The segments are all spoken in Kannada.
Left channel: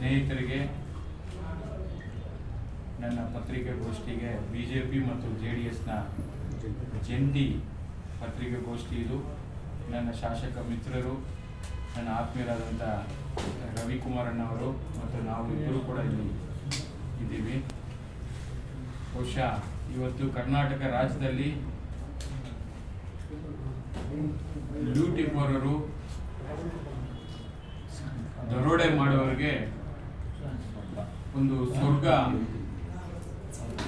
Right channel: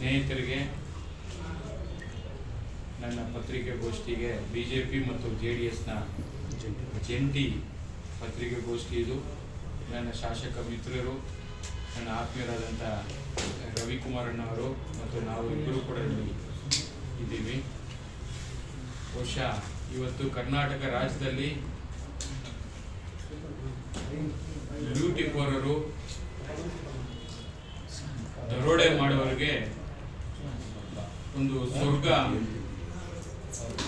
ಸ್ನೇಹಿತರಿಗೆ, ನನ್ನ ಪತ್ರಿಕಾಗೋಷ್ಠಿಗೆ ಬಿ ಜೆ ಪಿ ಮತ್ತು ಜೆ ಡಿ ಎಸ್ನ ಜಂಟಿ ಪತ್ರಿಕಾಗೋಷ್ಠಿ ಇದು. ನನ್ನ ಶಾಸಕ ಮಿತ್ರರು, ನನ್ನ ಆತ್ಮೀಯರಾದಂಥ ರವಿಕುಮಾರಣ್ಣವರು ಮತ್ತು ನಾವು ಇಬ್ಬರು ಕೂಡ ಇಲ್ಲಿ ಇದ್ದೀವಿ. ಬಹುಶಃ ಇವತ್ತು ಕರ್ನಾಟಕ ರಾಜ್ಯದಲ್ಲಿ ಲೂಟಿಕೋರರು ದರೋಡೆ ಮಾಡುವವರಿಗೆ ಒಂದು ಸ್ವರ್ಗ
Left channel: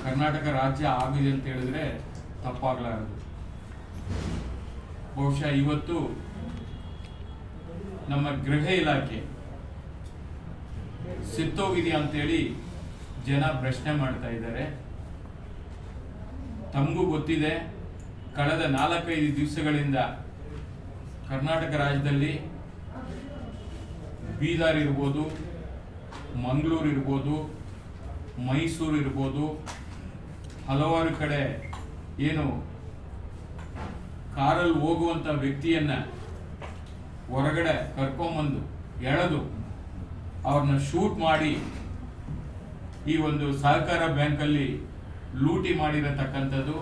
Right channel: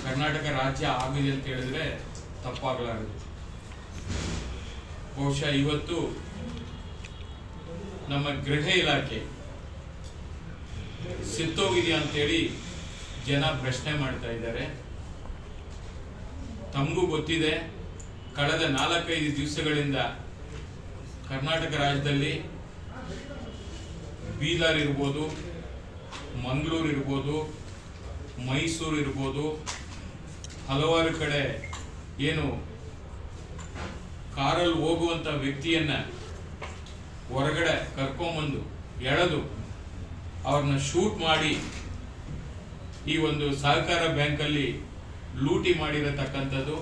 ಕರ್ನಾಟಕ ರಾಜ್ಯ ಆಗಿದೆ ಅಂತ ಹೇಳಿದ್ರೆ ತಪ್ಪಾಗಲಾರದು. ಬಹುಶಃ ಇವತ್ತು ನಮ್ಮ ಗೃಹ ಇಲಾಖೆ ಸಿತ್ತೋಗಿದೆಯಾ ಅಂತೇಳಿ ಜನ ಪ್ರಶ್ನೆ ಮಾಡ್ತಾ ಇದ್ದಾರೆ. ತಮಗೂ ಗೊತ್ತಿದೆ, ಕಳೆದ ನಾಲ್ಕೈದು ದಿವಸಗಳಿಂದ ಕರ್ನಾಟಕ ರಾಜ್ಯದಲ್ಲಿ ಬೀದರ್ ಇರ್ಬೋದು ಮಂಗಳೂರು ಇರ್ಬೋದು, ಮೈಸೂರು ಇರ್ಬೋದು, ಹಲವಾರು ಕಡೆ ಏನು ಕಾರಲ್ಲಿ ಹೋಗುವಂಥ ವ್ಯಕ್ತಿಯನ್ನು ಹೊರಗಡೆ ಕರ್ಕೊಂಬಂದು ಎಳೆದು ಅವ್ರನ್ನ ಶೂಟ್ ಮಾಡಿ ಈ ಒಂದು ಸಹಕಾರ ಬ್ಯಾಂಕಲ್ಲಿ ಲೂಟಿ ಮಾಡಿರತಕ್ಕಂಥದ್ದು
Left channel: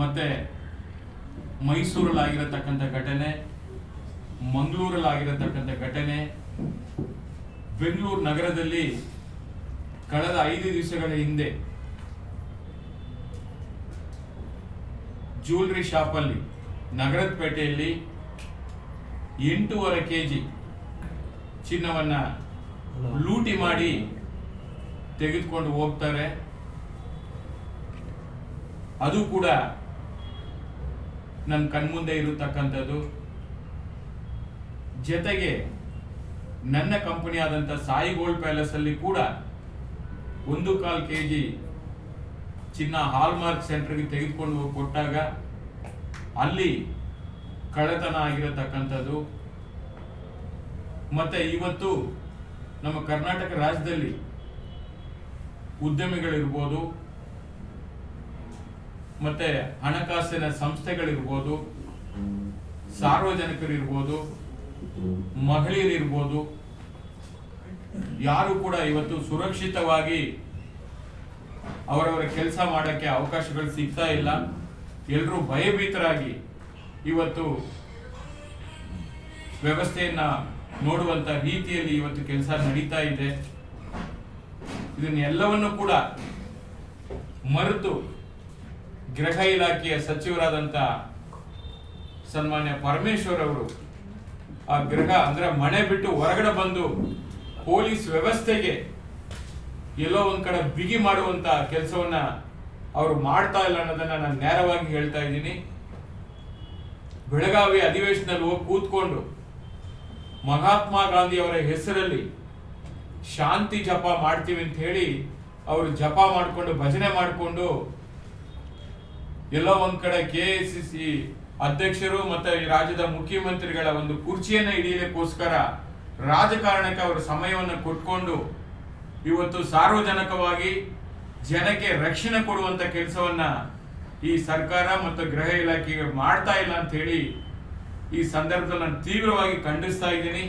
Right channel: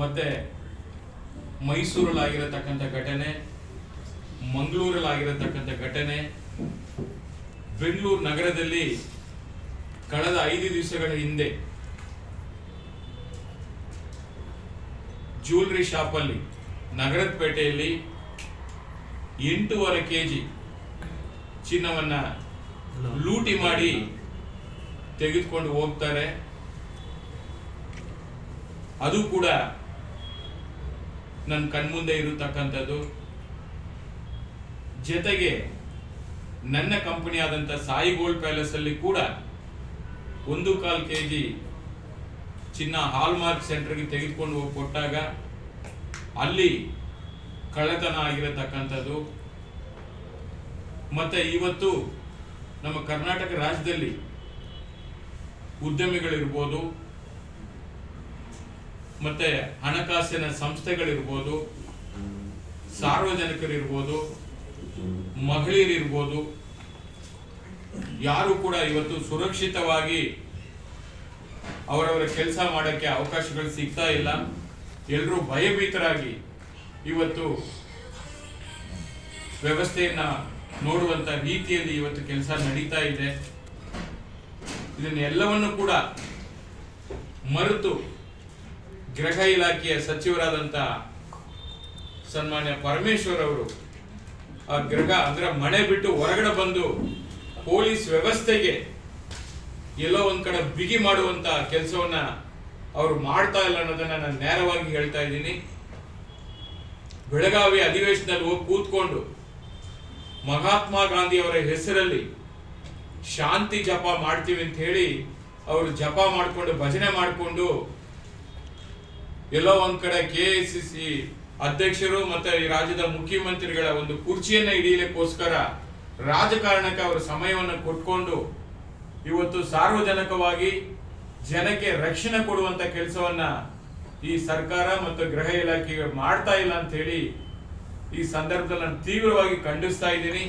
ಮತ್ತು ಮೈಸೂರಲ್ಲಿ ಆಗಿರತಕ್ಕಂಥ ಘಟನೆ ಮಂಗಳೂರಲ್ಲಿ ಆಗಿರತಕ್ಕಂಥ ಘಟನೆ ಬೆಂಗಳೂರು ನಗರದಲ್ಲಿ ಕಳೆದ ಐದು ದಿವಸಗಳ ಹಿಂದೆ ಜ್ಯೂಲ್ರಿ ಶಾಪಲ್ಲಿ ನಗರದ ಪೇಟೆಯಲ್ಲಿ ಎಂಟೂವರೆ ಕೆಜಿ ಚಿನ್ನವನ್ನ ಲೂಟಿ ಮಾಡಿ ತೆಗೆದುಕೊಂಡು ಹೋಗ್ತಾರೆ. ಅದು ಕೂಡ ನನ್ನ ಕಣ್ಮುಂದೆ ಇರತಕ್ಕಂಥದ್ದು. ಜೊತೆಗೆ ನನ್ನ ಕಂಪನಿ ಆದಂಥ ಸಾಯಿ ಗೋಲ್ಡ್ ಪ್ಯಾಲೇಸ್ ಅಲ್ಲಿ ಕೂಡ ಒಂದು ಕಾಲ್ ಕೆಜಿ ಚಿನ್ನ ಹಾಲ್ಮಾರ್ಕ್ ಸೆಂಟರ್ಗೆ ತೆಗೆದುಕೊಂಡು ಹೋಗಿ ಕೊಟ್ಟಾಗ ಅಲ್ಲಿ ಕಳ್ಳತನ ಆಗಿರತಕ್ಕಂಥದ್ದು. ಮತ್ತೆ ಇವತ್ತು ನಮ್ಮ ಕರ್ನಾಟಕ ರಾಜ್ಯದಲ್ಲಿ ಉದ್ಯಮಿಗಳಿರ್ಬೋದು, ಮತ್ತೆ ಹಣಕಾಸಿನ ಸಂಸ್ಥೆಗಳಿರ್ಬೋದು, ಸಾರ್ವಜನಿಕರಿರ್ಬೋದು, ಮಹಿಳೆಯರಿರ್ಬೋದು ಯಾರು ಕೂಡ ಇವತ್ತು ಸುರಕ್ಷಿತವಾಗಿ ಅವರವರ ಕೆಲಸ ಮಾಡೋಕ್ಕೆ ಅವಕಾಶಗಳು ಸಿಗ್ತಾ ಇಲ್ಲ. ಎಲ್ಲರೂ ಭಯಭೀತರಾಗಿ ಇವತ್ತು ವ್ಯವಸ್ಥೆಯನ್ನ ನೋಡುವಂತ ರೀತಿಯಲ್ಲಿ ಇವತ್ತು ಕೆಲಸ ನಡೀತಾ ಇದೆ. ಇದನ್ನೆಲ್ಲವನ್ನು ಕೂಡ ಮರೆತು ಗೃಹ ಇಲಾಖೆಯ ಸಚಿವರಾದಂತ ಸನ್ಮಾನ್ಯ ಪರಮೇಶ್ವರ್ ಅವರು ಆ ಗೃಹ ಅಂದ್ರೆ ಮನೆ ಬಿಟ್ಟು ಹೊರಗಡೆ ಬಂದು ಪೊಲೀಸ್ ವ್ಯವಸ್ಥೆಗೆ ಎಲ್ಲೋ ಒಂದ್ ಕಡೆ ಬಿಗಿ ಮಾಡುವಂತ ಕೆಲಸವನ್ನ ಅವರು ಮಾಡ್ತಾ ಇಲ್ಲ ಅನ್ನೋದನ್ನ ನಾನು ನೇರವಾಗಿ ಹೇಳ್ತಾ ಇದ್ದೀನಿ. ಬೆಳಗಾವಿ ಅಧಿವೇಶನದಲ್ಲಿ ಹೋಗಿ ಕೂತ್ಕೊಂಡು ಮಹಾತ್ಮ ಗಾಂಧಿ ಅವರ ಹೆಸರಲ್ಲಿ ಶಾಂತಿ ಜಪ ಮಾಡ್ತೀವಿ ಅಂತ ಹೇಳಿ ಅವರು ಜಪ ಮಾಡಿಕೊಂಡು ಭಜನೆ ಮಾಡಿಕೊಂಡು ಎಲ್ಲೋ ಒಂದ್ ಕಡೆ ಕೆ ಎಸ್ ಸಿ ಅಧ್ಯಕ್ಷರು ಮತ್ತೆ ರಾಜ್ಯದ ಮುಖ್ಯಮಂತ್ರಿಗಳ ಒಂದು ಕುರ್ಚಿಯನ್ನ ಹಿಡಿಯಲಿಕ್ಕೋಸ್ಕರ ರಾಜಕಾರಣಕ್ಕೆ ಅವರು ಸಮಯವನ್ನು ಕೊಟ್ಕೊಂಡು ಇವತ್ತು ಸಾರ್ವಜನಿಕವಾಗಿ ಜನಕ್ಕೆ ರಕ್ಷಣೆ ಕೊಡುವಂತ ಕೆಲಸವನ್ನ ಈ ಸರ್ಕಾರ ಮತ್ತು ಗೃಹ ಇಲಾಖೆ ಮಾಡ್ತಾ ಇಲ್ಲ ಅಂತ ಹೇಳಿ ಈ ಸಂದರ್ಭದಲ್ಲಿ ನಾನು ತೀವ್ರವಾಗಿ ಖಂಡಿಸ್ತಾ ಇದ್ದೀನಿ.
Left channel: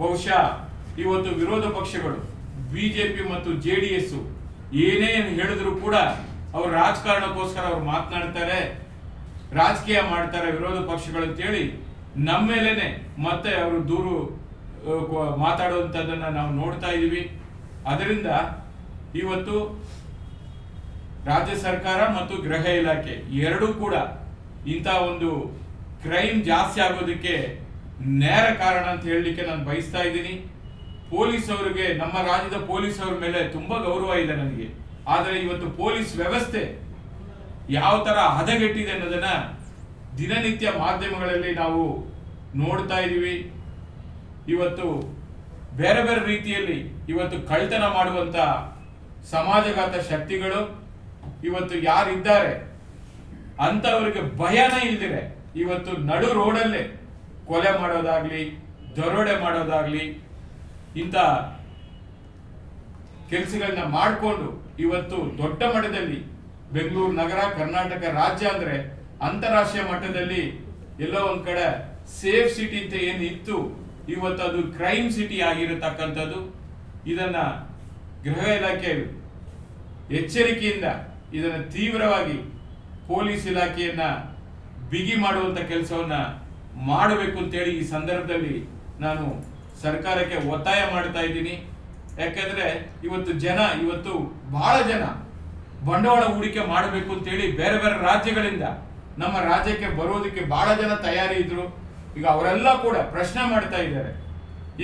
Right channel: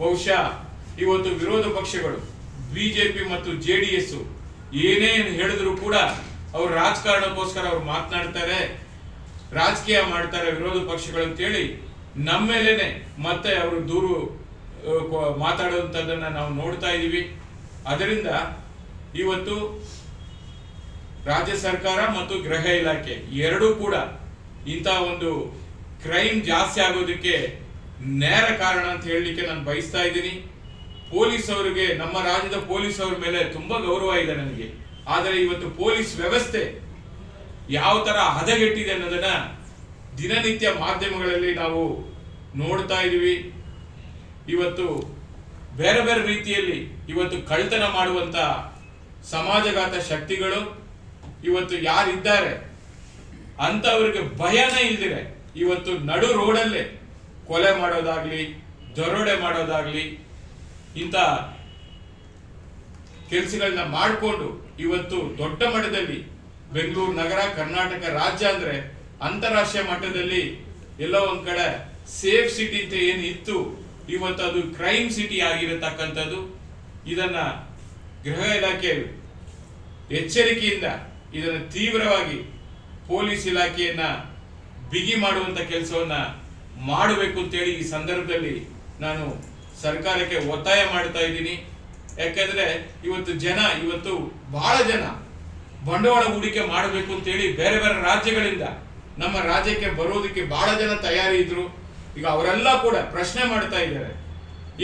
ಬಹುಶಃ ಇವತ್ತು ವಿರೋಧ ಪಕ್ಷಗಳು ಬಿಜೆಪಿ ಮತ್ತು ಜೆ ಡಿ ಎಸ್ ಏನೇನು ಹೇಳಿದ್ರು ಕೂಡ ಅವರು ರಾಜಕಾರಣಕ್ಕೋಸ್ಕರ ಅವ್ರು ಮಾತನಾಡ್ತಾರೆ, ರಾಜಕೀಯ ಮಾಡ್ತಾರೆ ವಿರೋಧ ಪಕ್ಷಗಳು ಅಂತೇಳಿ ನಮ್ಮ ಮೇಲೇನೆ ಮತ್ತೆ ಅವರು ದೂರು ಮಾತಾಡುವಂಥದ್ದನ್ನು ನಾವು ನೋಡ್ತಾ ಇದೀವಿ. ಅದರಿಂದ ಇವತ್ತು ರಾಜ್ಯ ಸರ್ಕಾರ ಮತ್ತು ಗೃಹ ಇಲಾಖೆ ಎರಡೂ ಕೂಡ ಇಂಥ ಒಂದು ಕ್ರೈಮ್ ಜಾಸ್ತಿ ಆಗೋದಕ್ಕೆ ನೇರ ಕಾರಣ ಅಂತ ಹೇಳಲಿಕ್ಕೆ ನಾನು ಬಯಸ್ತಾ ಇದ್ದೀನಿ. ಪೊಲೀಸ್ ಅವರಿಗೆ, ನಮ್ಮ ರಾಜ್ಯದ ಪೊಲೀಸ್ ಅವರ ಮೇಲೆ ತುಂಬಾ ಗೌರವ ಇದೆ ನನಗೆ. ಆದರೆ ಇವತ್ತು ಪೊಲೀಸ್ ವ್ಯವಸ್ಥೆ ಯಾವ ತರ ಹದಗೆಟ್ಟಿದೆ ಅನ್ನೋದನ್ನ ದಿನನಿತ್ಯ ಮಾಧ್ಯಮಗಳಲ್ಲಿ ನಾವು ನೋಡ್ತಾ ಇದ್ದೀವಿ. ಇವತ್ತು ಬೇರೆ ಬೇರೆ ರೀತಿಯಲ್ಲಿ ಇವತ್ತು ಕಳ್ತನ ಮಾಡುವಂತ ಸಮಾಜಘಾತ ಶಕ್ತಿಗಳು ಇವತ್ತು ಯಾರಿದ್ದಾರೆ ಅಂತವರಿಗೆ ಭಯನೇ ಇಲ್ದಿರೆ. ಇವತ್ತು ನಡು ರೋಡಲ್ಲೇ ಕೊಲೆ ಮಾಡೋದಾಗ್ಲಿ, ದರೋಡೆ ಮಾಡೋದಾಗ್ಲಿ, ಇಂಥ ಕೆಲಸಗಳನ್ನ ಮಾಡಿಕೊಂಡು ಇವತ್ತು ದೊಡ್ಡ ಮಟ್ಟದಲ್ಲಿ ಬೆಂಗಳೂರು ನಗರ, ಕರ್ನಾಟಕ ರಾಜ್ಯ ಅಂದ್ರೆ ಅಂತಾರಾಷ್ಟ್ರೀಯ ಮಟ್ಟದಲ್ಲಿ ಎಲ್ಲೋ ಒಂದ್ ಕಡೆ ಸೇಫ್ ಸಿಟಿ ಅಂತ ಏನು ಇತ್ತು, ಇವತ್ತು ಅದು ಕ್ರೈಮ್ ಸಿಟಿ ಆಗಿರತಕ್ಕಂಥದ್ದು. ಇದನ್ನ ಗೃಹ ಇಲಾಖೆ ಎಚ್ಚರಿಕೆಯಿಂದ ಇದನ್ನ ತೀವ್ರವಾಗಿ ಪೊಲೀಸ್ ಇಲಾಖೆಯನ್ನ ಬಿಗಿ ಮಾಡುವಂತ ಕೆಲಸವನ್ನ ಮಾಡಬೇಕು ಅಂತೇಳಿ ಈ ಸಂದರ್ಭದಲ್ಲಿ ನಾನು ಸರ್ಕಾರಕ್ಕೆ ಒತ್ತಾಯ ಮಾಡ್ತಾ ಇದ್ದೀನಿ. ಯಾಕಂದ್ರೆ ಇವತ್ತು ಜನ, ಇವತ್ತು ಬಹಳ ಜನ ಬಂಡವಾಳ ಹೂಡಿಕೆ ಮಾಡಬೇಕು ಅಂತೇಳಿ ಬೇರೆ ಬೇರೆ ರಾಜ್ಯಗಳಿಂದ ನಮ್ಮ ರಾಜ್ಯಕ್ಕೆ ಬರೋದಕ್ಕೆ ಬಹಳ ಜನ ತಯಾರಿ ಇದ್ರು ಈಗ ಅವರೆಲ್ಲ ಕೂಡ ಪ್ರಶ್ನೆ ಮಾಡ್ತಾ ಇದ್ದಾರೆ.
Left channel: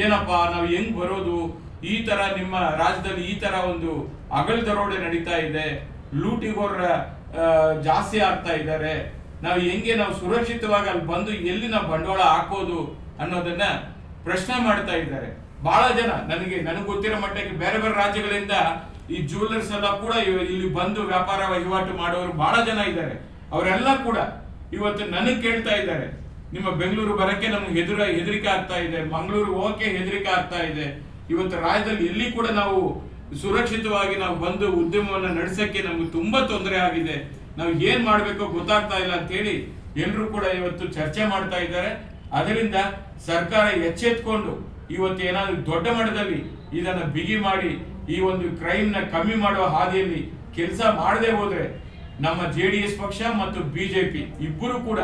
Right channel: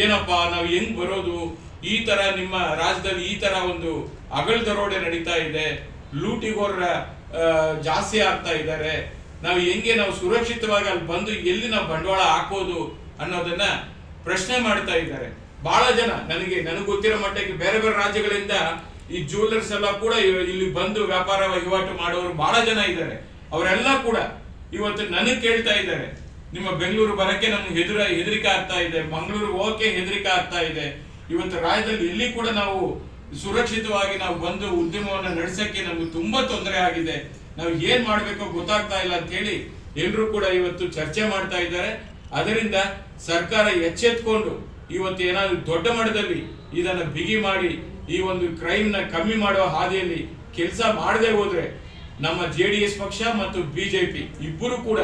ಏನಪ್ಪಾ, ನಾವು ಹೆಂಗ್ ಬರೋದು? ಈ ತರ ನಿಮ್ಮ ರಾಜ್ಯದಲ್ಲಿ ಈ ತರ ಒಂದು ಅಗಲ್ ದರೋಡೆ ನಡೀತಾ ಇದೆ. ಲೂಟಿಗೋರ ಜಾಸ್ತಿ ಆಗ್ತಾ ಇದ್ದಾರೆ. ನಾವು ಹೆಂಗೆ ನಾವು ಸುರಕ್ಷಿತವಾಗಿ ಅಲ್ಲಿ ಬಂದು ಎಲ್ಲಿ ನಾವು ಬಂಡವಾಳ ಹಾಕೋದು ಅನ್ನೋದನ್ನ ಪ್ರಶ್ನೆ ಮಾಡ್ತಾ ಇದ್ದಾರೆ. ಬಹಳ ಜನ ನನಗೆ ನನಗೆ ಗೊತ್ತಿರೋ ಮಟ್ಟಕ್ಕೆ ಬೇರೆ ಬೇರೆ ರಾಜ್ಯಗಳಿಂದ ಈ ಜ್ಯುವೆಲ್ಲರ್ಸ್ ಎಲ್ಲ ಕೂಡ ಇಲ್ಲಿ ಬಂದು ವ್ಯಾಪಾರ ವಹಿವಾಟು ಮಾಡೋರು ಬಹಳ ಜನ ಇದ್ದಾರೆ. ಅವರೆಲ್ಲ ಕೂಡ ಇವತ್ತು ನನಗೆ ಕೇಳ್ತಾ ಇದ್ದಾರೆ, ನಿಮ್ಮ ಬೆಂಗಳೂರು ಬರಕ್ಕೆ ನಮ್ಗೆ ಹೆದರ, ಹೆದರಿಕೆ ಆಗ್ತಾ ಇದೆ, ಮಂಗಳೂರು ಹೋಗಕ್ಕೆ ಹೆದರಿಕೆ ಆಗ್ತಾ ಇದೆ. ಇವತ್ತು ರಾಜ್ಯದಲ್ಲಿ ಎಲ್ಲಿ ಕೂಡ ನಾವು ಸುರಕ್ಷಿತವಾಗಿ ನಾವು ಬಂದು ಉದ್ಯಮವನ್ನು ನಡೆಸಕ್ಕೆ ನಮ್ಗೆ ತುಂಬಾ ತೊಂದರೆ ಆಗಿದೆ. ನಾವು ಏನ್ ಮಾಡಬೇಕು ಗೊತ್ತಾಗ್ತಾ ಇಲ್ಲ ಅಂತ ಹೇಳಿ ಎಲ್ಲರೂ ಕೂಡ ಇವತ್ತು ಚರ್ಚೆ ಮಾಡ್ತಾ ಇದ್ದಾರೆ. ಅದರಿಂದ ಸರ್ಕಾರ ಎಚ್ಚೆತ್ಕೊಂಡು ಇವತ್ತು ಏನಾದ್ರು ದೊಡ್ಡ ಮಟ್ಟದಲ್ಲಿ ಇದನ್ನ ಬಿಗಿ ಮಾಡಿ ಈ ಒಂದು ಕ್ರೈಮ್ನ ಕಮ್ಮಿ ಮಾಡುವ ಹಾದಿಯಲ್ಲಿ ಕೆಲಸ ಮಾಡದೆ ಹೋದ್ರೆ ನಮ್ಮ ಜೆ ಡಿ ಎಸ್ ಪಕ್ಷ ಮತ್ತು ಬಿಜೆಪಿ ಇಬ್ಬರು ಕೂಡ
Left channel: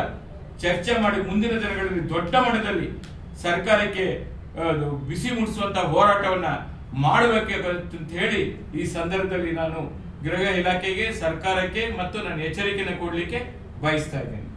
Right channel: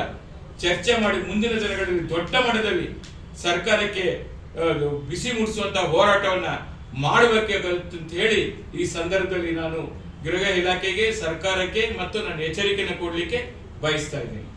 ಚರ್ಚೆ ಮಾಡಿ ಮುಂದಿನ ದಿನಗಳಲ್ಲಿ ದೊಡ್ಡ ಮಟ್ಟದಲ್ಲಿ ಸರ್ಕಾರಕ್ಕೆ ಬಿಸಿ ಮುಟ್ಟಿಸುವಂತ ಹೋರಾಟವನ್ನ ಮಾಡಬೇಕಂತ ಹೇಳಿ ಈ ಸಂದರ್ಭದಲ್ಲಿ ನಾನು ಗೃಹ ಇಲಾಖೆಗೆ, ಸರ್ಕಾರಕ್ಕೆ ಮತ್ತು ನಾನು ಎಚ್ಚರಿಕೆಯನ್ನು ಕೊಡಲಿಕ್ಕೆ ಬಯಸ್ತಾ ಇದ್ದೇನೆ.